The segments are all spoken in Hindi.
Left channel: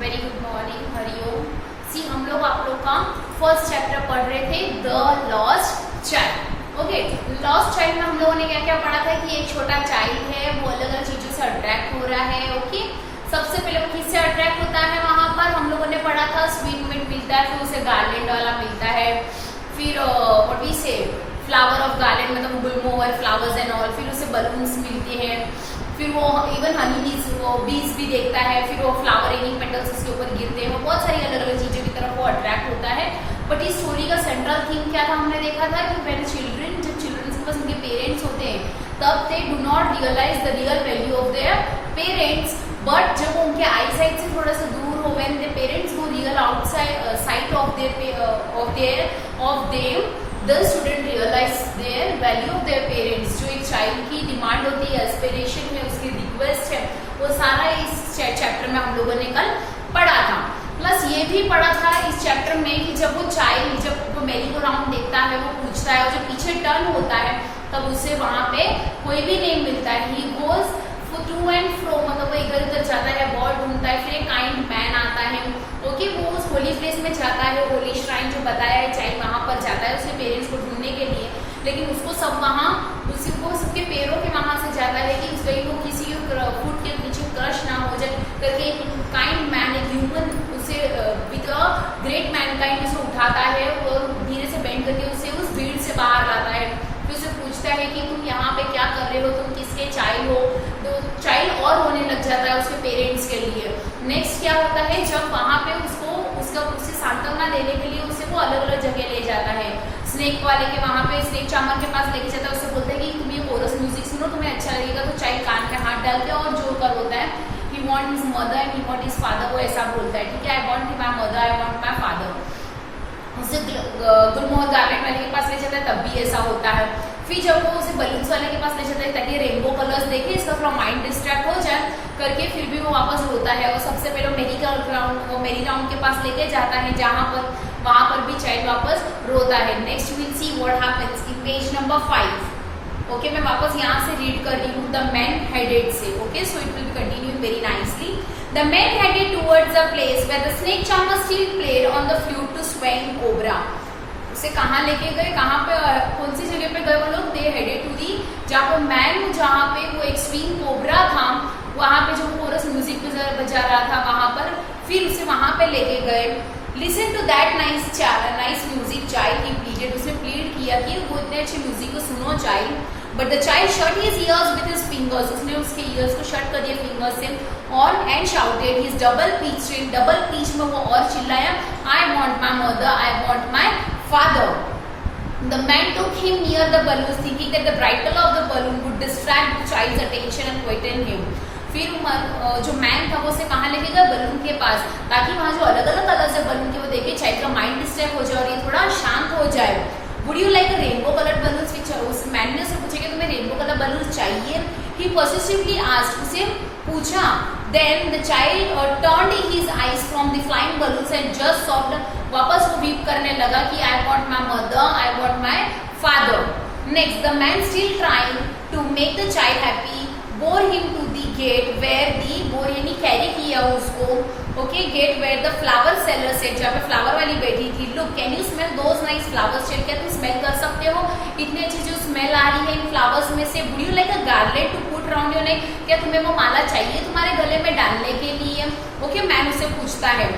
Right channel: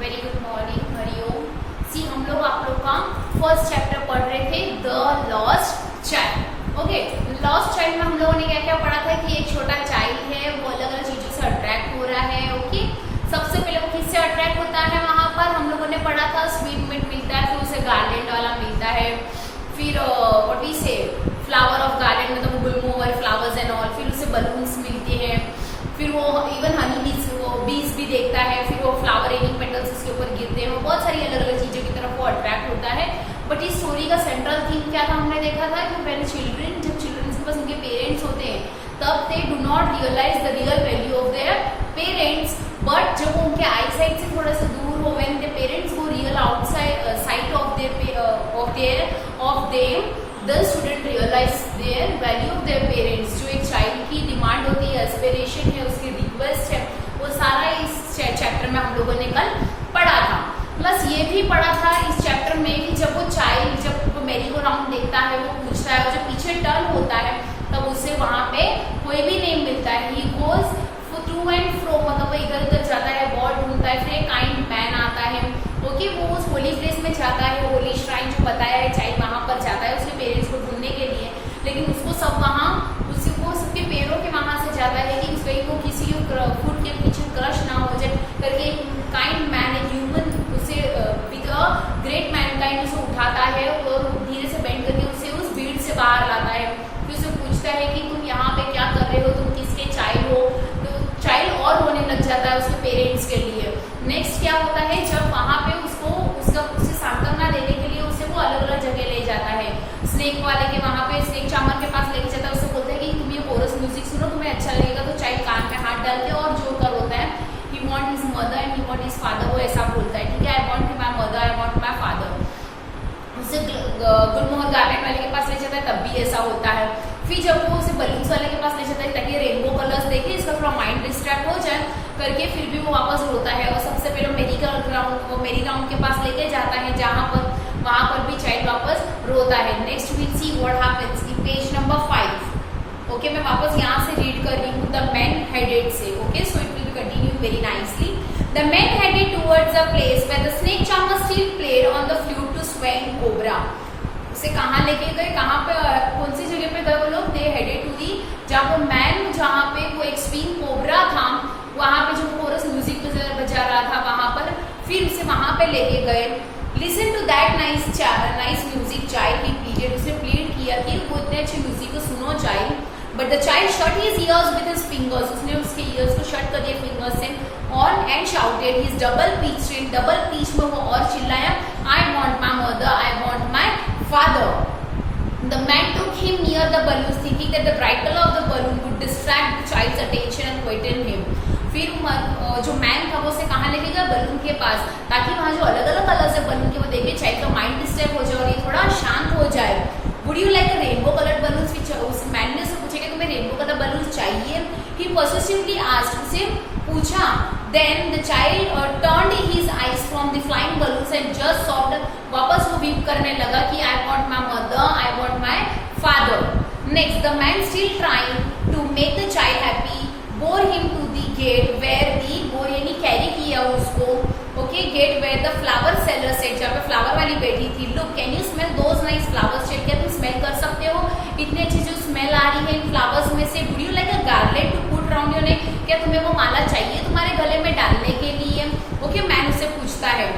Very good morning, Hariom. सी हम लोग आप लोग का फर्स्ट चैप्टर पढ़ रहे थे, the lost child. Okay, lost child में हम लोगों ने क्या क्या पढ़ा था कि एक छोटा चाइल्ड है, वो अलग अलग चीजों से अट्रैक्ट हो रहा है। ओके, सबसे पहले वो किससे अट्रैक्ट होता है, वहां पर हम लोगों ने पढ़ा था स्वीट मिट मिलता है, फिर उसे गार्लैंड वाला मिलता है, फिर व्हाट वी से फ्लावर ऑफ गार्लैंड मतलब गुलमोहर फ्लावर्स एंड ऑल, फिर उसे बलून्स मिलते हैं, फिर वो इवन हनी बीज वो बीज भी देखता है, फिर वो फ्लावर एनिंग पेटल्स उसके ऊपर गिरते हैं, वो बहुत सारी अलग अलग चीजों की तरफ वो अट्रैक्ट होता है। बट इस स्टोरी का सेंट्रल थीम क्या था, हमने देखा था कि व्हेन चिल्ड्रन, जब चिल्ड्रन के पास उनके पेरेंट्स होते हैं तब they do not realise the real value of their parents, but जब वो उनके आई साइड से थोड़ा सा दूर हो, when the parents go real outside side of them the student realise their value of their parents. जो एक चाइल्ड की डिमांड होती है, एस्पिरेशन है, उसकी रिक्वेस्ट है, वो सारा इस चैप्टर में हम लोगों ने कल पढ़ा था। प्लस ये भी पढ़ा था इस चैप्टर में कि जब वो चाइल्ड, जब वो मेरी को राउंड देखता है, वो पूछता है, और जब पीछे टर्न होता है तब उसे वहां पे कोई भी नहीं मिलता है। He goes to and fro, मतलब वो इधर उधर जाता है, बॉल ढूंढता है, फिर एक काइंड मैन आता है। ओके, वो उस होली प्लेस में जाता है, होली श्राइन जो बताया है, चाइल्ड वहां पर जाता है उसके पेरेंट्स को ढूंढने के लिए, लेकिन उसको सब वहां उसको सबके पैरों के वहां से जाता है कि कहीं को किसी फुट के पीछे क्रश ना हो जाए करके एक काइंड मैन, एक ह्यूमन उसे विद अ ग्रेट मैनकाइंड उसे उठाता है और धीरे से बेंड करके उसे उस भीड़ से बाहर लाता है। फिर उसे पूछता है कि तुम यहाँ पे क्या कर रहे हो, तुम किसके चाइल्ड हो। तो चाइल्ड और रोने लग जाता है उसके पेरेंट्स के लिए। नेक्स्ट क्या होता है, जब वहां पे उसे सांत्वना देने के लिए उसे वो अलग अलग जगह ले जाता है। स्नेक वाले के वहां पे स्नेक चामन के पास लेके जाता है, उससे बोलता है कि तुम ये कोरस म्यूजिक सुनो, तुम्हें अच्छा लगेगा। तो चाइल्ड कान पे हाथ डालते हैं और जो कर होता है, he want his mother and he want his father, वो ऐसा बोलता है, ठीक है, I want my mother, I want my father. उसे गुलमोहर गार्डन वाले के पास ले जाता है, तब भी ऐसा होता है। फिर जब वो उसे बलून्स वाले के पास ले जाता है ताकि रेनबो कलर्स देखे, इसका थोड़ा माइंड डिस्ट्रैक्ट हो जाए करके, फिर भी वो वापस रोता है। और सबसे पहले मेरी ग्राउंड के पास लेके जाता है, जहां पर वहां पर भी चाइल्ड वापस रोता है। Next will see what happens in page number 5। Okay, मैं वापस यहाँ से रीड कर रही हूँ, द मैन हेडेड से। Okay, so it will be continue very nicely. The man headed towards the place where the snake charmer still played on the flute to swing cobra. उसे कहाँ लेके गए, कहाँ पे, कौन सी जगह पे गए वो लोग? They headed to the, जहाँ पे मैन, जहाँ पे वो एक स्विंग कोबरा था, वहां पे जो कोरस म्यूजिक बजा रहा था वहां पर, फिर उसे वहां पे लेके गए। Listen to that nice music, child, he pleaded. उसने प्लीड किया कि वो इतने अच्छे म्यूजिक को सुनो child. But the child shut his years with his fingers, उसने उसके ईयर्स को शट कर दिया फिंगर्स से, और and shouted his double pitch में वो और चिल्लाया, I want my mother, I want my father. The man took him near the balloon, thinking that the bridle of the balloon would distract the child's attention and quieten him. फिर जो मैन था वो उसे कहाँ लेके गया, बलून के पास, ताकि वहाँ जो अलग अलग कलर्स है बलून के वो देखे, चाइल्ड का माइंड डिस्टर्ब हो जाए और ये थोड़ा शांत हो जाए। Would you like a rainbow colored balloons? which उस मैन ने उससे पूछा कि तुम्हें रेनबो कलर बलून्स चाहिए? He persistently asked, उसे पूछा। Then the child turned his eyes from the flying balloons and just sobbed. वापस वो वीप करने लगा कि I want my mother, I want my father. Next, the man still trying to make the child happy bore him to the gate where the bore यानी कैरी किया उसको। Okay, get where the flower seller set, जहाँ पे फ्लावर वाली बैठी थी। Look, can you smell those nice flowers? क्या तुम स्मेल कर सकते हो इतनी अच्छी जो स्मेल आ रही है इन फ्लावर्स में से? Would you like a garland to put around your neck? क्या तुम्हें वो माला चाहिए तुम्हारे गले में डालने के लिए? ओके, मैन उससे पूछता है।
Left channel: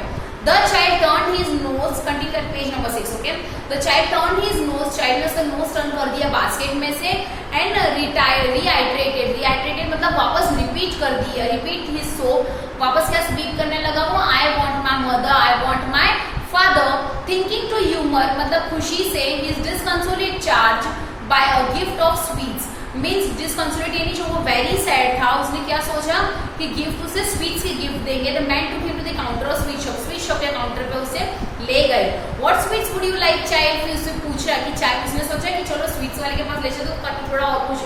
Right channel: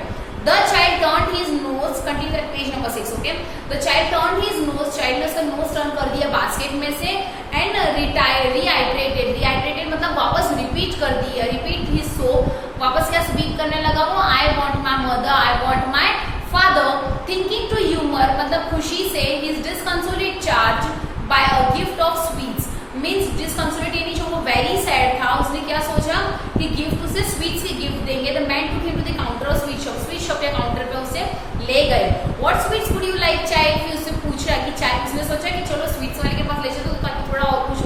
The child turned his nose, continue at page number 6. Okay, the child turned his nose, child ने उसका nose turn कर दिया बास्केट में से, and reiterated मतलब वापस रिपीट कर दिया, repeat his sob, वापस क्या स्पीक करने लगा वो, I want my mother, I want my father, thinking to humor मतलब खुशी से his disconsolate charge by a gift of sweets. Means disconsolate यानी जो वो वेरी सैड था, उसने क्या सोचा कि गिफ्ट उसे स्वीट्स के गिफ्ट देंगे। The man took him to the counter of sweet shop के काउंटर पे उसे ले गए। What sweets would you like child? फिर उससे पूछा कि चाइल्ड, उसने सोचा कि चलो स्वीट्स वाले के पास ले जाए तो थोड़ा और खुश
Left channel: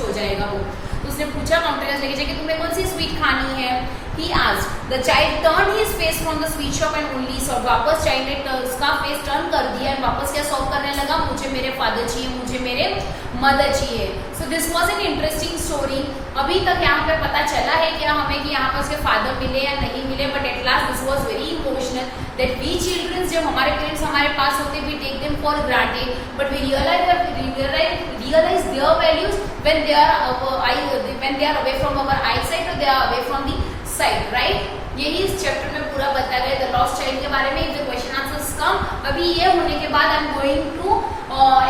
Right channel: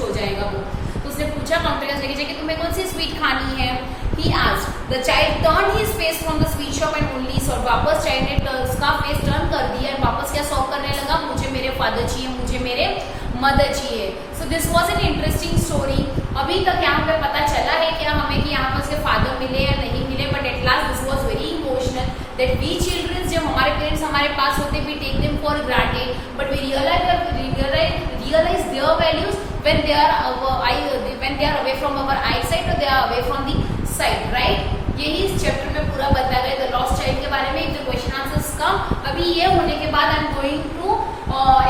हो जाएगा वो। तो उसने पूछा काउंटर के लेके जाके तुम्हें कौन सी स्वीट खानी है? he asked. The child turned his face from the sweet shop and only saw. वापस चाइल्ड ने उसका फेस टर्न कर दिया और वापस क्या सॉल्व करने लगा, मुझे मेरे फादर चाहिए, मुझे मेरे मदर चाहिए. So this was an interesting story. अभी तक यहाँ पे पता चला है क्या हमें कि यहाँ पे उसके फादर मिले या नहीं मिले, but at last this was very emotional that we childrens, जब हमारे पेरेंट्स हमारे पास होते we take them for granted, but we realize their values when they are away from our eyesight or they are away from the sight, right? यही इस चैप्टर में पूरा बताया गया द लॉस्ट चाइल्ड के बारे में. If the question answers come, अभी ये होने के बाद I am going to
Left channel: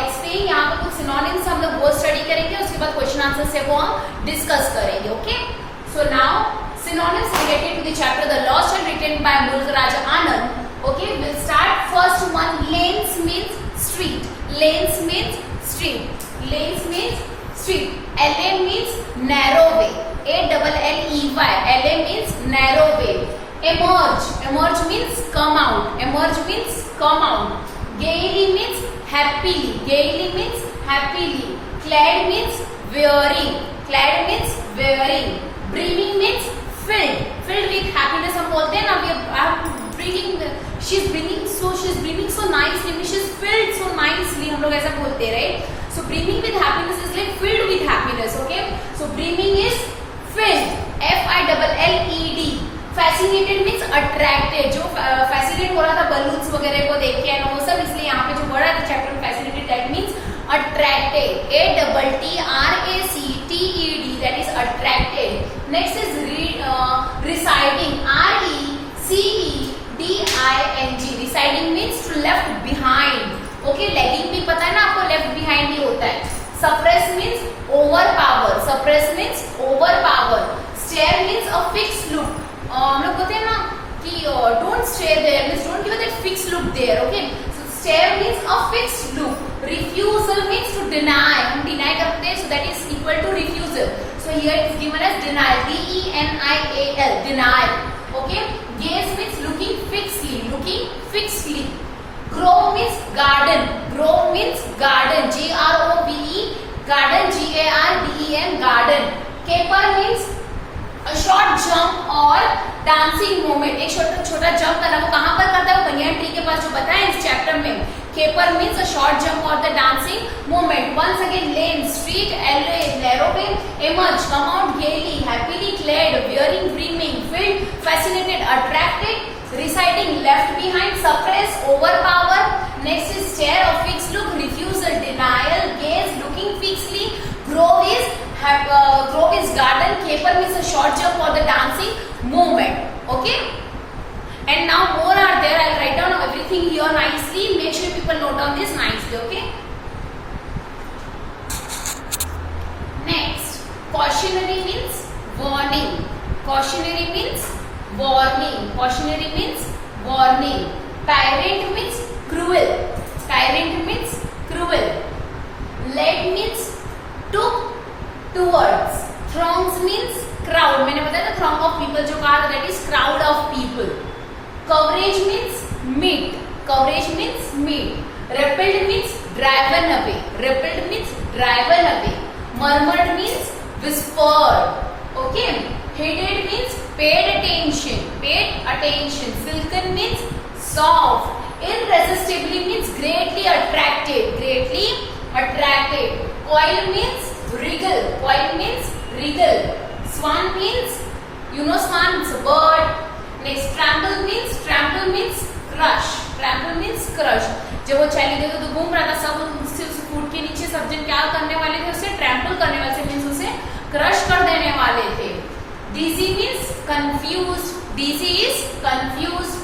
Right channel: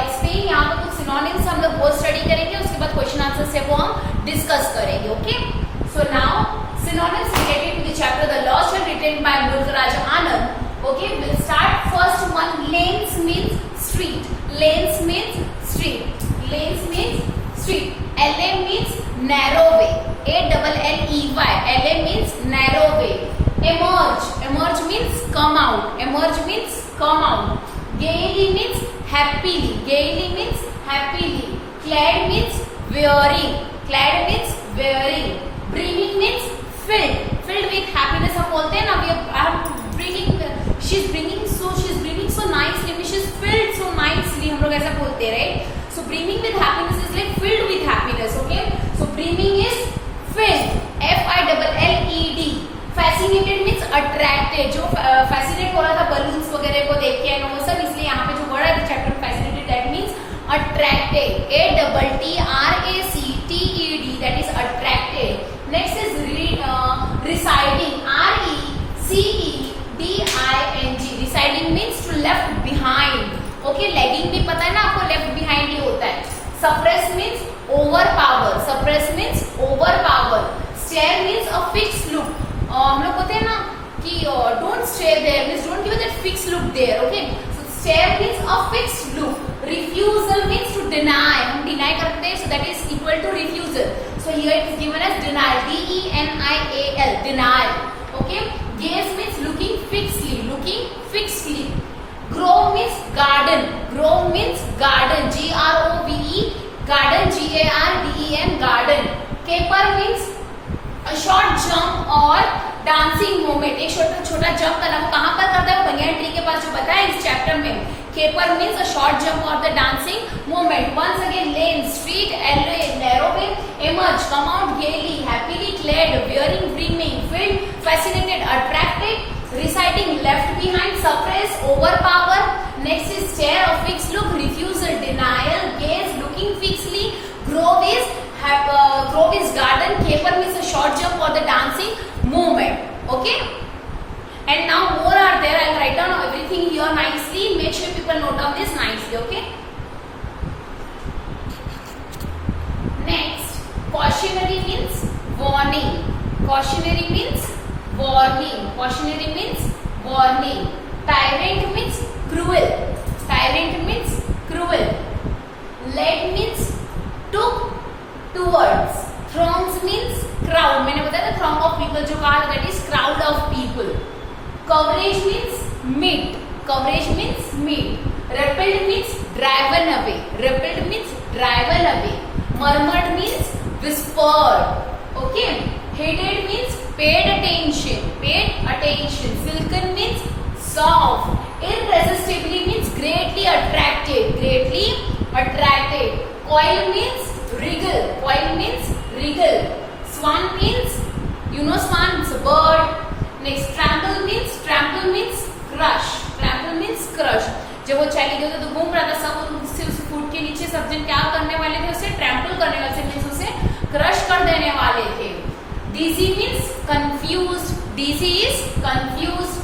explain. यहाँ पे कुछ सिनोनिम्स हम लोग वो स्टडी करेंगे, उसके बाद क्वेश्चन आंसर से वो हम डिस्कस करेंगे. Okay, so now synonyms related to the chapter the lost child written by Murugaraj Anand. Okay, we'll start first one. Lanes means street. Lanes means street. Lanes means street. LA means narrow way. ALLEY. LA means narrow way. Emerge. Emerge means come out. Emerge means come out. Gaily means happily. Gaily means happily. Clad means wearing. Clad means wearing. Brimming means filled. Filled with happiness हम बोलते हैं ना. We are bringing. She's bringing so nicely. She's filled so nicely. हम लोग ऐसा बोलते रहे. So brimming with happiness is like filled with happiness. Okay. So brimming is filled. FILLED. Fascinated means attracted. जो fascinate हो रहा था balloons वगैरह को देख के वो सब, इसलिए यहाँ पे जो वर्ड है chapter fascinated that means attracted. ATTRACTED that is attracted. Next is residing. RECEDING. Residing means to left behind. Okay, lagging भी पता है ना आपको, left behind ही होता है. Suppress means overpower. Suppress means overpower. Stare means a fixed look. हम लोग बोलते हैं ना कि don't stare there means don't give that fixed look there. Okay, so stare means a fixed look. Refusal means to deny. हम deny करते हैं, so that is equal to refusal. So here it is given as denial. DENIAL. Denial. Okay. Gaze means looking fixedly. Looking fixedly. Grow means garden. Grow means garden. GROVE. Garden. GARDEN. Garden. Caper means a short jump or dancing movement. एक छोटा जंप करना, वो कहाँ पर करता है, बनियान ट्री के पास जो बताया इस चैप्टर में. Caper means a short jump or the dancing movement. Once again, lane, street, LA, narrow way. Emerge, come out gaily, happily clad, wearing, dreaming, filled, fascinated, attracted. Reciting, left behind, suppress, overpower. Next is stare or fixed look, refusal, denial, gaze, looking fixedly. Grow is garden. Caper means a short jump or the dancing movement. Okay. And now more are there. I'll write down everything here nicely. Make sure people note down this nicely. Okay. Next, cautionary means warning. Cautionary means warning. Cautionary means warning. Tyrant means cruel. Tyrant means cruel. Led means took, towards. Throngs means crowd. मैंने बताया था throng of people जो कहा, that is crowd of people. Coverage means meet. Coverage means meet. Repelled means driven away. Repelled means driven away. Murmured means whispered. Okay. Heeded means paid attention. Paid attention. Silken means soft. Irresistibly means greatly attracted. Greatly attracted. Coil means wriggle. Coil means wriggle. Swan means, you know swan, it's a bird. Next, trample means crush. Trample means crush. जब वो चली गई तो घूम रहा था, सब उससे उस फूट के नीचे सब जन क्या करने वाले थे, उसे ट्रैम्पल करने वाले थे, मीन्स उसे क्रश कर देने वाले थे. Dizzy means confused. Dizzy is confused.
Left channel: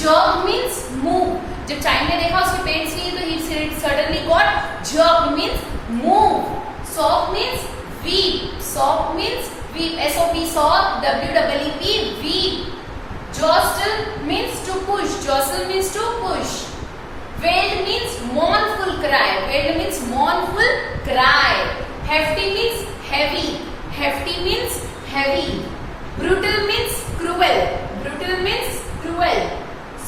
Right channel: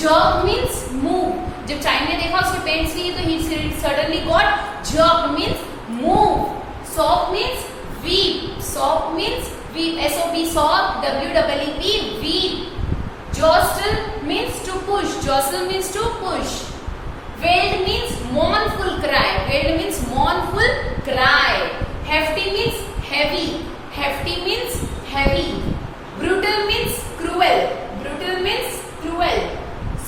Jerk means move. जब चाइल्ड ने देखा उसके पेरेंट्स की तो he suddenly got jerk means move. Sob means weep. Sob means weep. SOP sob. WEEP weep. Jostle means to push. Jostle means to push. Wail means mournful cry. Wail means mournful cry. Hefty means heavy. Hefty means heavy. Brutal means cruel. Brutal means cruel.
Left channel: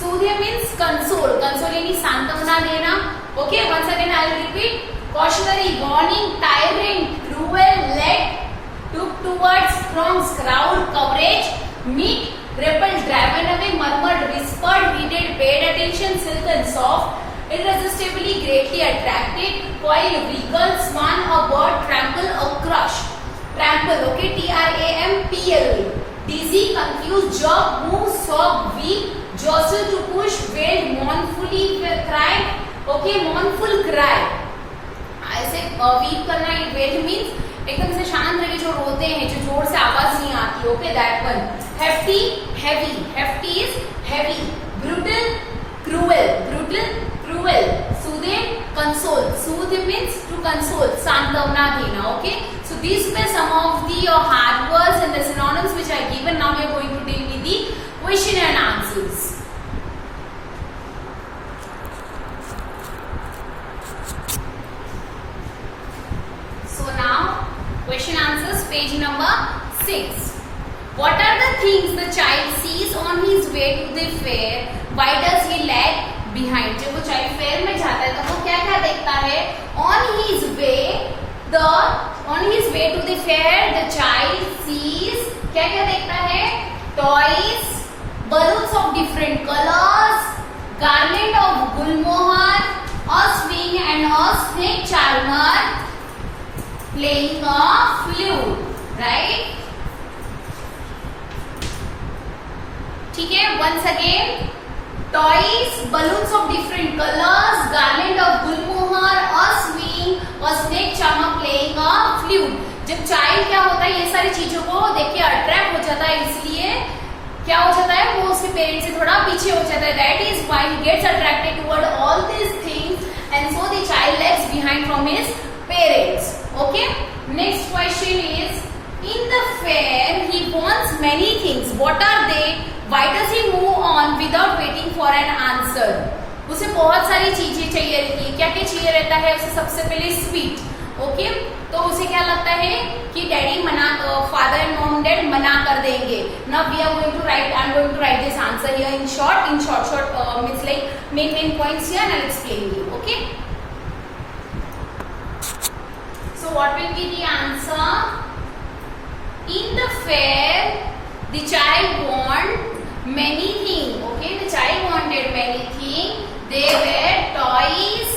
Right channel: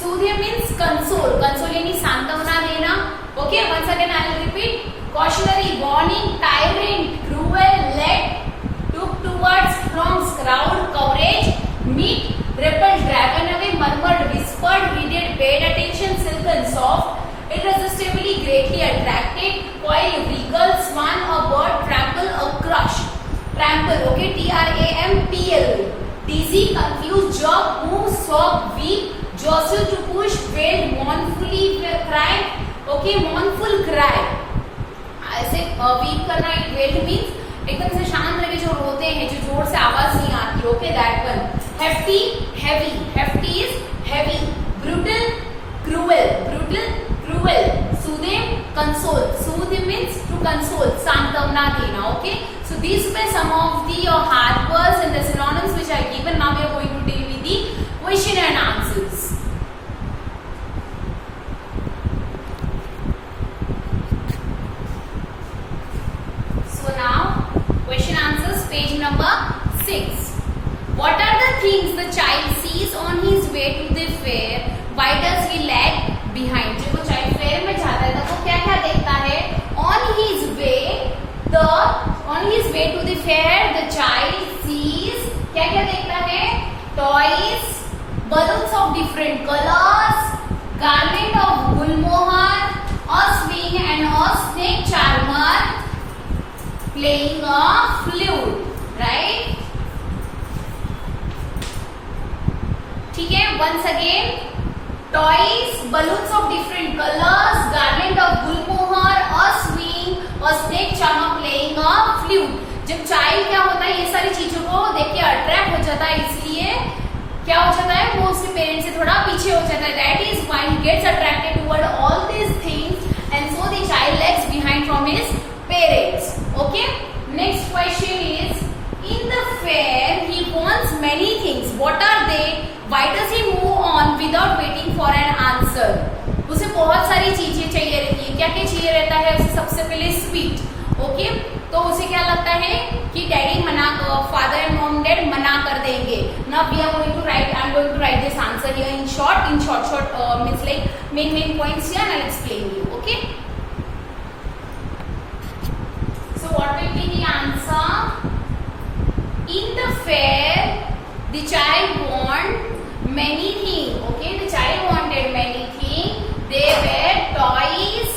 Sudhya means console. Console यानी सांत्वना देना. Okay, once again I will repeat. Cautionary, warning, tyrant, cruel, led, took towards, throngs, crowd, coverage, meek, repelled, driven away, murmured, whispered, heeded, paid attention, silken, soft, irresistibly, greatly attracted, coil, regal, swan, a bird, trample, a crush. Trample, okay, T-R-A-M-P-L. Dizzy, confused, jerk, move, sob, weak, jostle to push, wail, mournfully cry, okay, mournful cry. ऐसे वीक करना, इट वेल मीन्स एकदम से शांत रह के जो रोते हैं, जो जोर से आवाज नहीं आती, okay, that one. Hefty, heavy, hefty is heavy. Brutal, cruel, brutal, cruel. Soothe, console, soothe means to console, सांत्वना देना, okay. So these were some of the hard words and the synonyms which I given. Now we are going to deal with the question and answers. So now question answers, page number 6. What are the things the child sees on his way to the fair? Why does he lag behind? जब वो child fair में जाता है तो वो क्या क्या देखता है? On his way to the fair, the child sees, क्या क्या देखता है? Toys, balloons of different colors, garland of gulmohar, a swing and a snake charmer, playing a flute, right? ठीक है, once again, toys, balloons of different colors, garland of gulmohar, a swing, a snake charmer, playing a flute. जब चाइल्ड क्या होता है, ये सारी चीजों को देख के अट्रैक्ट हो जाता है, इसलिए क्या हो जाता है, वो उसके पेरेंट्स से थोड़ा पीछे हो जाता है. That is why he gets attracted toward all these things and so the child lags behind from his parents. Okay, next question is, in the fair he wants many things. What are they? Why does he move on without waiting for an answer? उसे बहुत सारी चीजें चाहिए रहती है. क्या क्या चाहिए रहता है उसे? सबसे पहले स्वीट, ओके. तो उसे क्या लगता है कि डैडी मना, फादर एंड मॉम डैड मना कर देंगे. Now we are going to write, I am going to write this answer here in short means like main points here and I explain you, okay. So what will be the answer? In the fair, the child want many things. Okay, the child wanted many things. They were toys,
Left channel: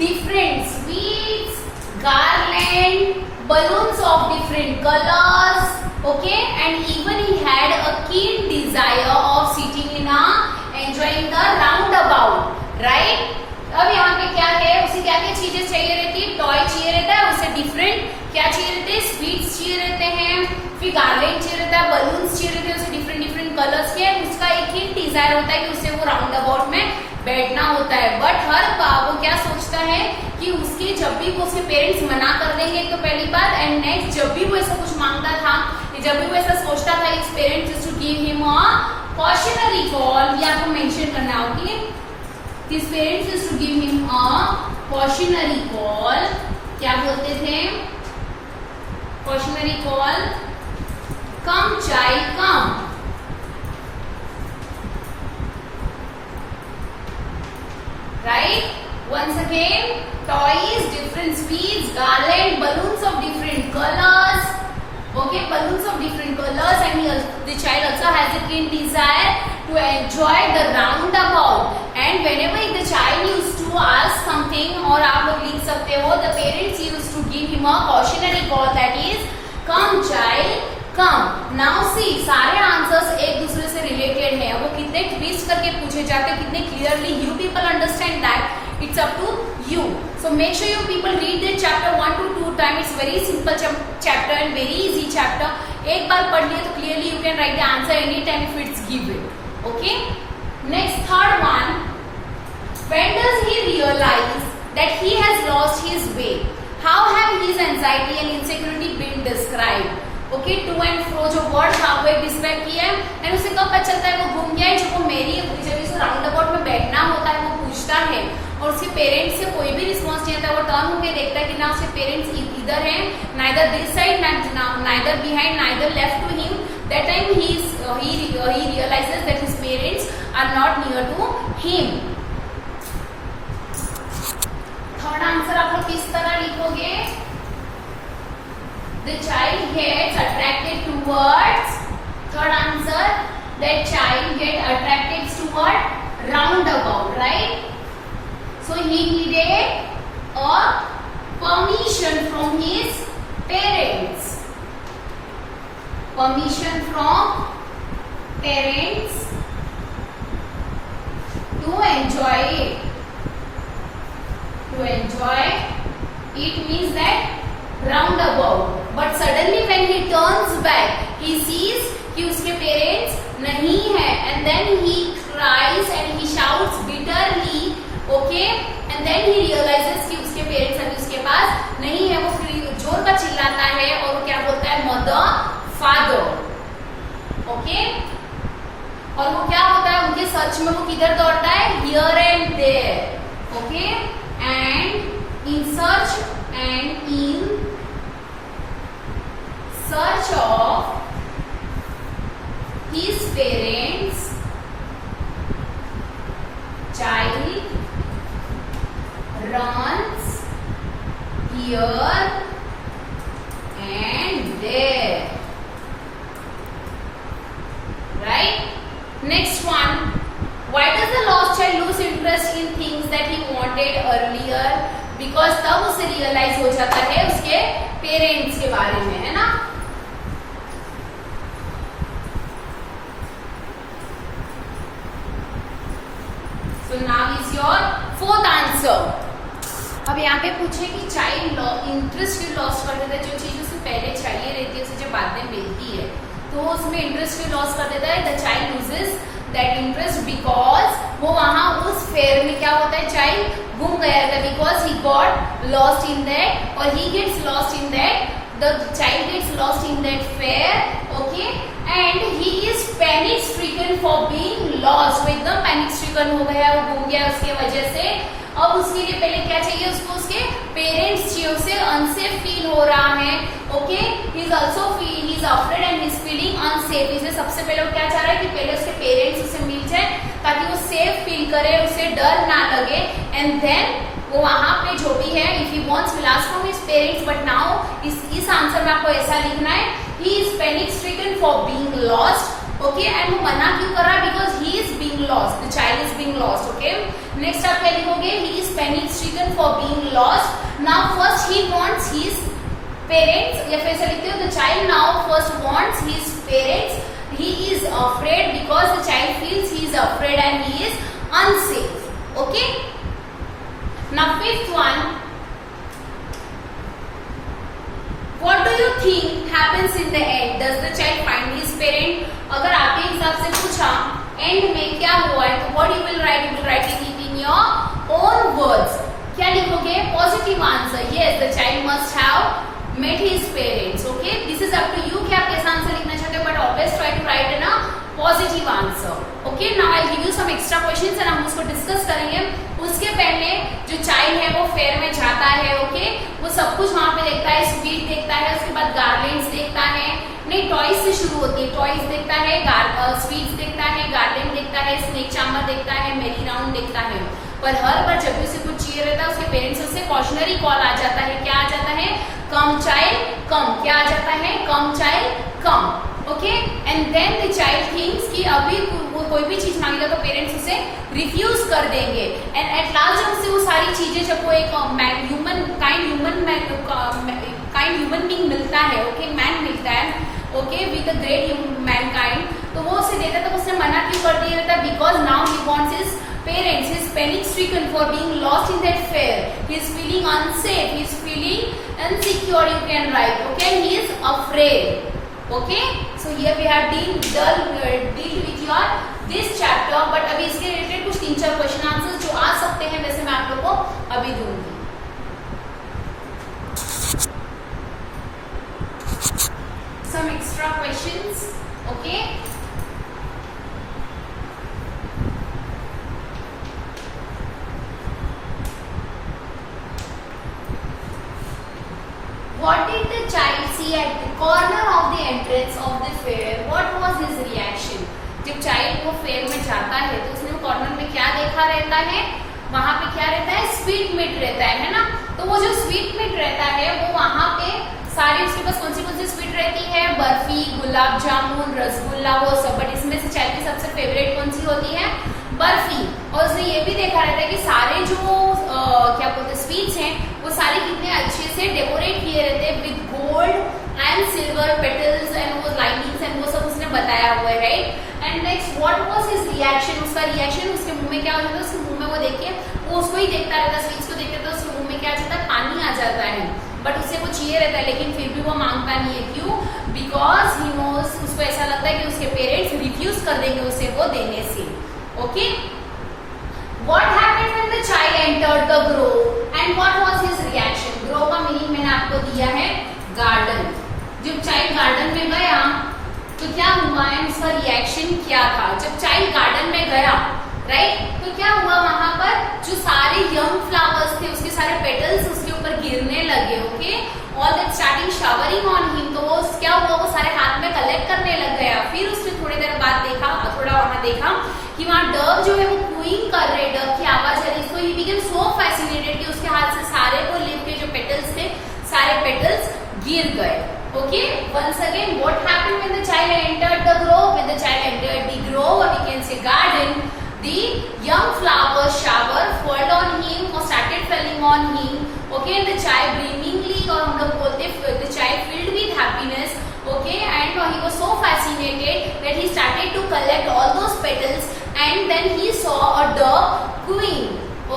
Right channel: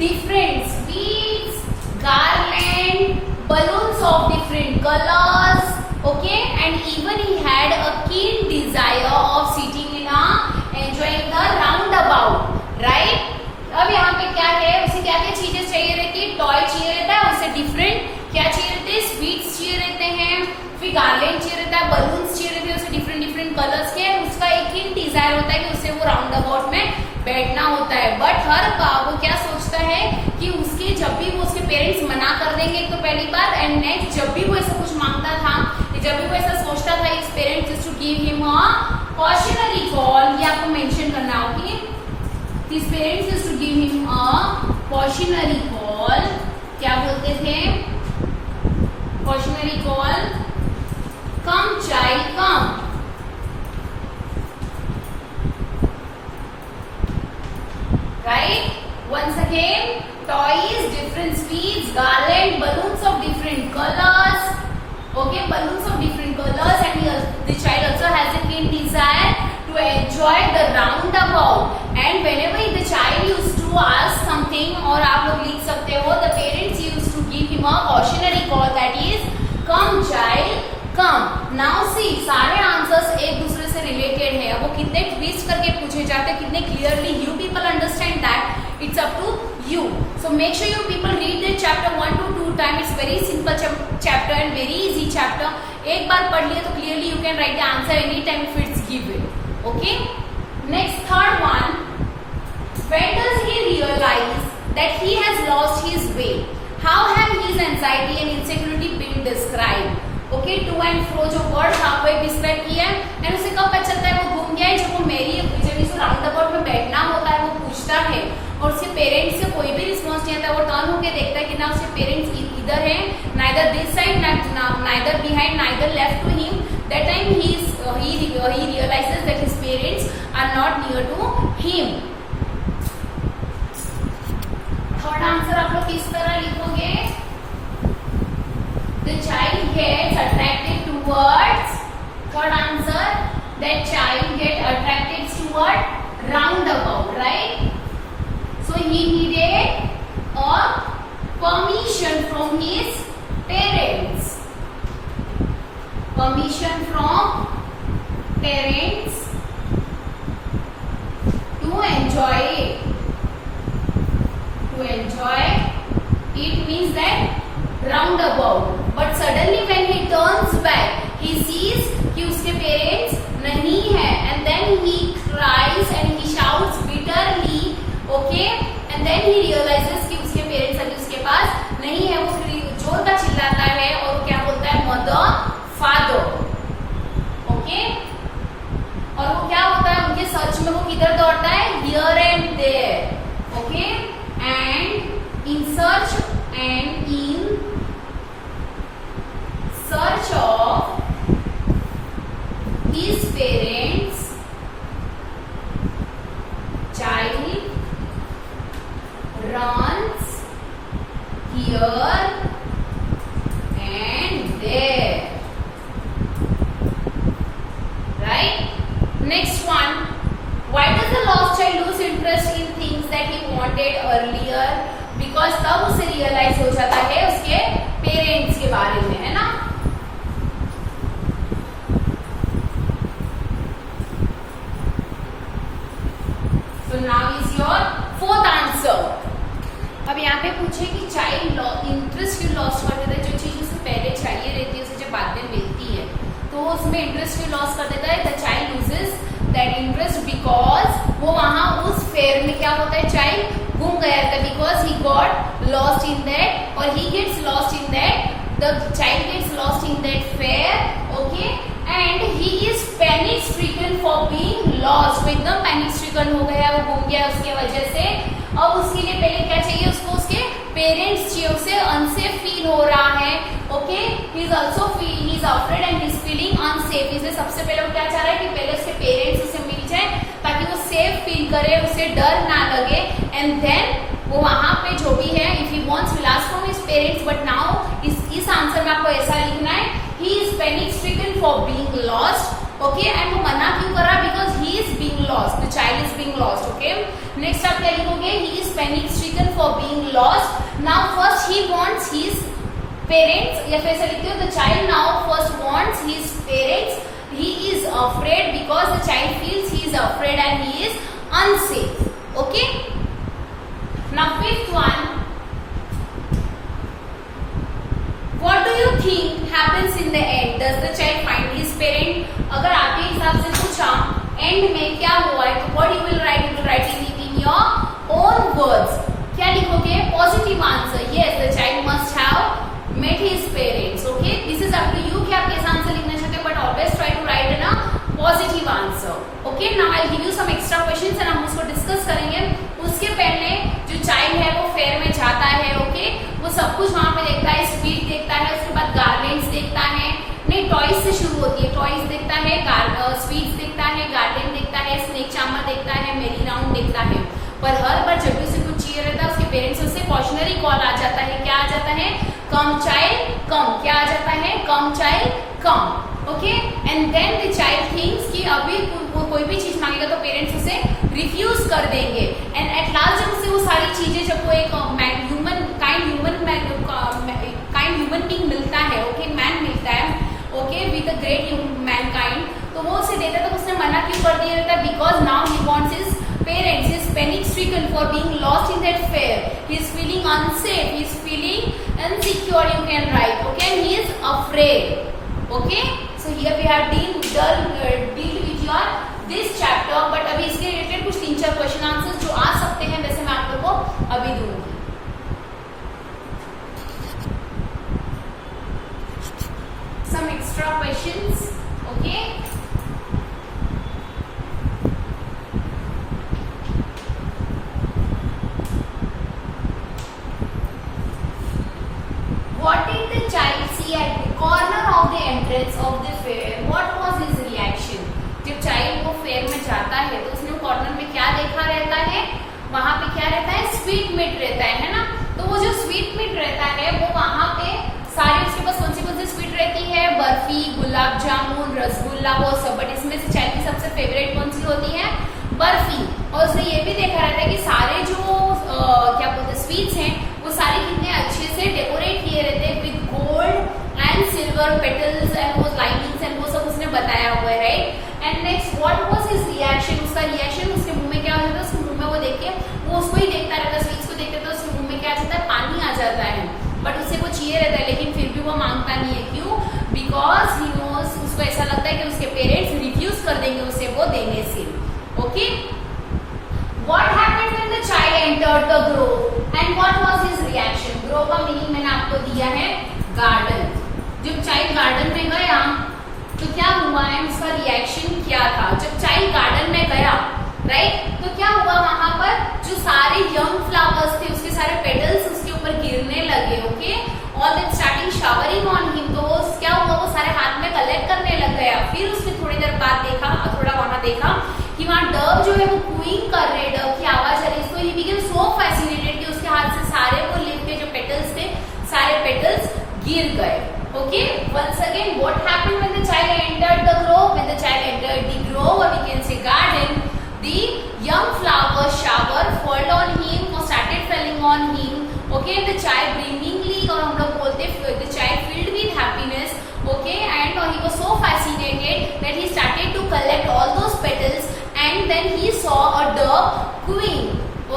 different sweets, garland, balloons of different colors. Okay, and even he had a keen desire of sitting in a enjoying the roundabout. Right? अब यहाँ पे क्या है, उसे क्या क्या चीजें चाहिए रहती है? टॉय चाहिए रहता है, उससे डिफरेंट क्या चाहिए रहते हैं? स्वीट्स चाहिए रहते हैं, फिर गार्लैंड चाहिए रहता है, बलून्स चाहिए रहते हैं, उसे डिफरेंट कलर्स के. उसका एक ही डिजायर होता है कि उसे वो राउंड अबाउट में बैठना होता है. बट हर बार वो क्या सोचता है कि उसके जब भी वो उसके पेरेंट्स मना कर देंगे तो पहली बार, एंड नेक्स्ट जब भी वो ऐसा कुछ मांगता था, जब भी वो ऐसा सोचता था, इस parents to give him a cautionary call. ये आपको मेंशन करना होगी. His parents used to give him a cautionary call. क्या बोलते थे? Cautionary call. Come child, come. Right? Once again, toys, different sweets, garland, balloons of different colors. Okay, balloons of different colors, and the child also has a keen desire to enjoy the roundabout. And whenever the child used to ask something, और आप लोग लिख सकते हो, the parents used to give him a cautionary call, that is, come child, come. Now see, सारे आंसर्स एक दूसरे से रिलेटेड है. वो कितने ट्विस्ट करके पूछे जाते हैं, कितने clearly you people understand that. It's up to you. So make sure you people read the chapter 1 to 2 times. It's very simple chapter and very easy chapter. एक बार पढ़ लिए तो clearly you can write the answer anytime if it's given. Okay? Next, third one. When does he realize that he has lost his way? How have his anxiety and insecurity been described? Okay, to and fro जो वर्ड था वो एक डिस्क्राइब किया है. एंड उसे कब पता चलता है वो घूम गया है? जब इस राउंड अबाउट में बैठना होता है, वो पूछता है और उसके पेरेंट्स से कोई भी रिस्पॉन्स नहीं आता. वो टर्न होके देखता है कि ना उसके पेरेंट्स इधर हैं, neither this side, neither behind, neither left to him. That time he realizes that his parents are not near to him. Third answer आप लोग किस तरह लिखोगे? The child gets attracted towards. Third answer, that child get attracted toward roundabout, right? So he needed a permission from his parents. Permission from parents to enjoy it. To enjoy it means that roundabout. But suddenly when he turns back, he sees कि उसके parents नहीं है, and then he cries and he shouts bitterly, okay? And then he realizes कि उसके parents अभी उसके पास नहीं है, वो जोर का चिल्लाता है और वो क्या बोलता है, mother, father, okay? और वो क्या होता है उनके सर्च में, वो किधर दौड़ता है, here and there, okay? And in search of his parents, child runs here and there, right? Next one, why does the lost child lose interest in things that he wanted earlier? Because तब उसे रियलाइज हो जाता है उसके पेरेंट्स के बारे में, है ना? So now is your fourth answer. अब यहाँ पे पूछे कि चाइल्ड इंटरेस्ट क्यों लॉस कर देता है, जो चीज उसे पहले चाहिए रहती है उसे जब बाद में मिलती है तो उसमें इंटरेस्ट क्यों लॉस कर देता है. The child loses that interest because वो वहां उस फेयर में क्या होता है, चाइल्ड गुम गया था, because he got lost in that, और he gets lost in that, the child gets lost in that fair, okay, and he is panic stricken for being lost. वो एकदम पैनिक स्ट्रिकन हो गया, वो गुम गया उसके वजह से. अब उसके लिए पहले क्या चाहिए उसको, उसके पेरेंट्स चाहिए, उसे अनसेफ फील हो रहा है, okay. He is also feel, he is afraid and he is feeling unsafe. इसलिए सबसे पहले वो क्या चाह रहा है कि पहले उसके पेरेंट्स उसे मिल जाए ताकि वो सेफ फील करे, उसे डर ना लगे. एंड देन वो वहां पे जो भी है, if he wants will ask from his parents, but now इस आंसर में आपको ऐसा लिखना है, ही is panic stricken for being lost, okay. And वो मना क्यों कर रहा है, because he is being lost, the child is being lost, okay. Next आप क्या लिखोगे, ही is panic stricken for being lost. Now first he wants his parents, या फिर ऐसा लिखते हो, the child now first wants his parents. He is afraid because the child feels he is afraid and he is unsafe, okay. Now fifth one, what do you think happens in the end? Does the child find his parent? अगर आपके हिसाब से पूछा एंड में क्या हुआ है, तो what you will write it in your own words. क्या लिखोगे, positive answer, yes, the child must have met his parents, okay. This is up to you कि आप कैसा आंसर लिखना चाहते हो, but always try to write in a positive answer, okay. Now I'll give you some extra questions and हम उसको डिस्कस करेंगे. उसके पहले जो चाइल्ड है वो फेयर में जाता है, ओके. वो सब कुछ वहां पे देखता है, स्वीट देखता है, उसके बाद गार्लैंड्स देखता है, नहीं टॉयज से शुरू होती है, टॉयज देखता है, स्वीट्स देखता है, गार्लैंड देखता है, स्नेक चाम्बर देखता है, मेरी राउंड देखता है. पर हर बार जब भी उसे कुछ चाहिए रहता है उसके पेरेंट्स से कॉशनरी कॉल आ जाता है, क्या आ जाता है, कम चाइल्ड कम. क्या आ जाता है, come child come, okay. And then the child thinks कि अभी वो कोई भी चीज मांगेगा तो पेरेंट्स उसे रिफ्यूज कर देंगे. एंड एट लास्ट जब उसे वो सारी चीजें, जब वो एक ह्यूमन बीइंग मिलता है, ओके, मैन मिलता है, okay, with a great Mankind, तो वो उसे देता है, तो उसने मना क्यों कर दिया रहता है, because now he wants his parents. He is panic stricken for being lost in that fair. He is feeling unsafe, he is feeling insecure, you can write, okay. He is afraid, okay. So here we have dealt with your this chapter, but अभी इसके रिलेटेड कुछ 3-4 क्वेश्चन आंसर जो आ सकते हैं, वैसे मैं आप लोगों को अभी दूंगी. Some extra questions, okay. What did the child see at the corner of the entrance of the fair? What was his reaction? जब चाइल्ड वो फेयर में जाता है तो उसने कॉर्नर में क्या देखा रहता है, वहां पे क्या रहता है, स्वीट मीट रहता है ना. तो वो जो स्वीट मीट रहता है वो वहां पे सारी उसके पास कौन सी स्वीट रहती है, बर्फी, गुलाब जामुन, रसगुल्ला, वो सब, बट इसमें से चाइल्ड की सबसे फेवरेट कौन सी होती है, बर्फी। और उसने ये भी देखा रहता है कि सारे जो क्या बोलते हैं स्वीट्स हैं वो सारे कितने अच्छे से डेकोरेट किए रहते हैं with gold and silver petals and वो लाइनिंग्स एंड वो सब उसने बताया हुआ है, right. And next what was his reaction, उसका रिएक्शन, उसके मुंह में क्या होता है, उसके मुंह में वो देख के वो उसको ही देखता रहता है, स्वीट्स को देखते तो उसके मुंह में क्या आ जाता है, पानी आ जाता है, बट उसे वो चाहिए रहता है लेकिन फिर भी वो मांगता नहीं है, क्यों, बिकॉज ही नोज, उसको ऐसा लगता है कि उसके पेरेंट्स रिफ्यूज कर देंगे उसे वो देने से। Okay, What happened when the child entered the grove and what was his reaction? Grove का मीनिंग मैंने आपको दिया है गार्डन। जब चाइल्ड गार्डन में गया तो क्या हुआ है, उसका रिएक्शन क्या था। जब चाइल्ड गार्डन में गया, राइट, तो क्या हुआ, वहां पर जो सारे यंग फ्लावर्स थे उसके सारे पेटल्स उसके ऊपर गिरने लगे। Okay, all that starting showering on him, तो क्या हुआ, वो सारे हाथ में कलेक्ट करने लग गया। फिर उसने थोड़ी देर बाद देखा, थोड़ा वहां देखा कि वहां डव जो है वो क्यूइंग कर रहे, डव की आवाज आ रही, तो ही बिकेम सो फैसिनेटेड कि उसके हाथ से सारे वो लीफ के जो पेटल्स थे सारे पेटल्स गिर गए। Okay, once again what happened when the child entered the grove? When the child entered the grove, or we can say garden, the young flower shower fell on him or started falling on him. Okay, the child beamingly, और हम लोग बोलते the child filled with happiness. Okay, and he was so fascinated that he started to collect all those petals, and then he saw a dove cooing.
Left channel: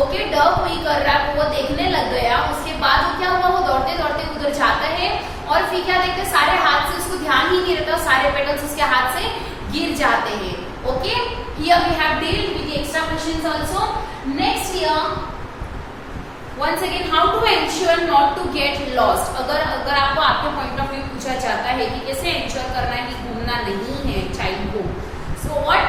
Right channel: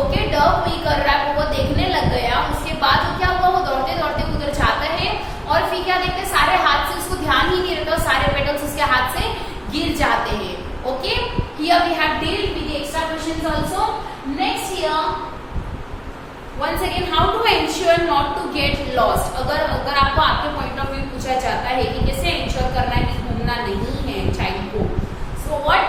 Okay, dove coo कर रहा है, वो देखने लग गया। उसके बाद वो क्या हुआ, वो दौड़ते दौड़ते उधर जाता है और फिर क्या देखते हैं, सारे हाथ से, उसको ध्यान ही नहीं रहता, सारे पेटल्स उसके हाथ से गिर जाते हैं। Okay, here we have dealt with the extra questions also. Next here, once again, how to ensure not to get lost. अगर आपको आपके पॉइंट ऑफ व्यू पूछा जाता है कि कैसे इंश्योर करना है कि घूमना नहीं है चाइल्ड को, so what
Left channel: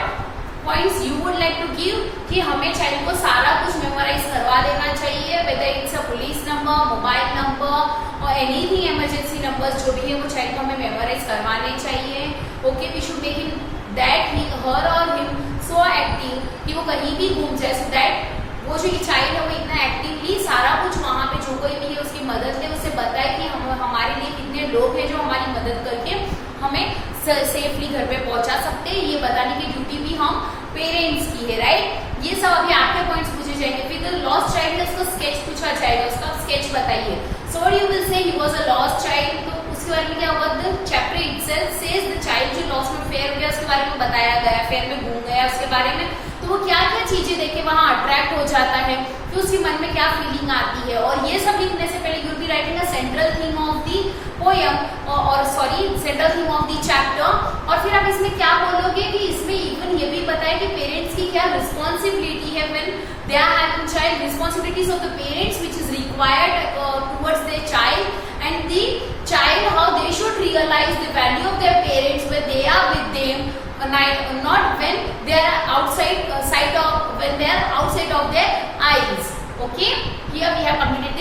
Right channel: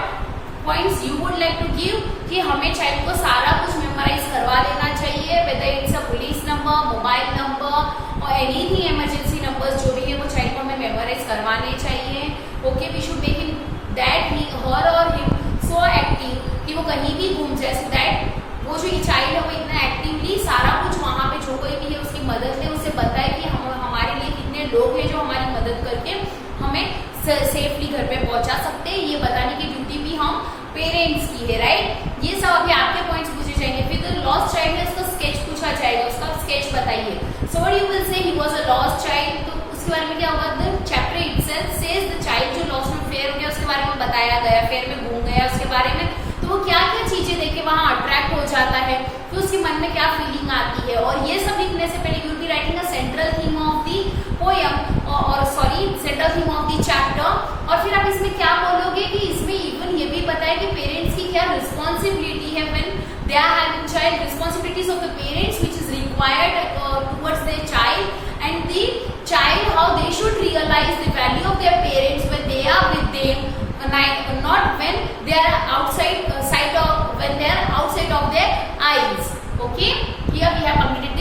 points you would like to give, कि हमें चाइल्ड को सारा कुछ मेमोराइज करवा देना चाहिए, whether it's a police number, mobile number और एनीथिंग इमरजेंसी नंबर्स जो भी है वो चाइल्ड को हमें मेमोराइज करवाने चाहिए। Okay, we should make him that he her और हिम सो एक्टिव कि वो कहीं भी घूम जाए, सो दैट वो जो चाइल्ड है वो इतना एक्टिवली सारा कुछ वहां पे जो कोई भी है उसकी मदद ले, उसे बताए कि हमारे लिए कितने लोग हैं जो हमारी मदद करके हमें सेफली घर पे पहुंचा सकते हैं, ये बताने की ड्यूटी भी हम पेरेंट्स की है, राइट। ये सब अभी आपके पॉइंट्स पूछे जाएंगे। फिर तो लॉस्ट चाइल्ड है, उसका स्केच पूछा जाएगा, उसका स्केच बताइए। So what you will say, he was a lost child, तो उसके बारे में क्या हुआ, the chapter itself says the child जो लॉस्ट में फेयर हो गया उसके बारे में बताया गया, फेयर में घूम गया उसके बारे में, तो वो क्या क्या चीजें देख के वहां अट्रैक्ट हो जाता है, तो उसके मन में क्या फीलिंग आती है। और ये सब लिखने से पहले you will be writing a central theme of the poem, और sorry central theme of the chapter, और फिर आप इसमें क्या बोलोगे कि इसमें इवन ये भी बताया कि पेरेंट्स की क्या रिस्पॉन्सिबिलिटी है when they are having child, responsibilities of the parents which is required towards their child, and the child how they should realise the value of their parents when they are with them, not when they are outside when they are outside of their eyes. Okay, here we have completed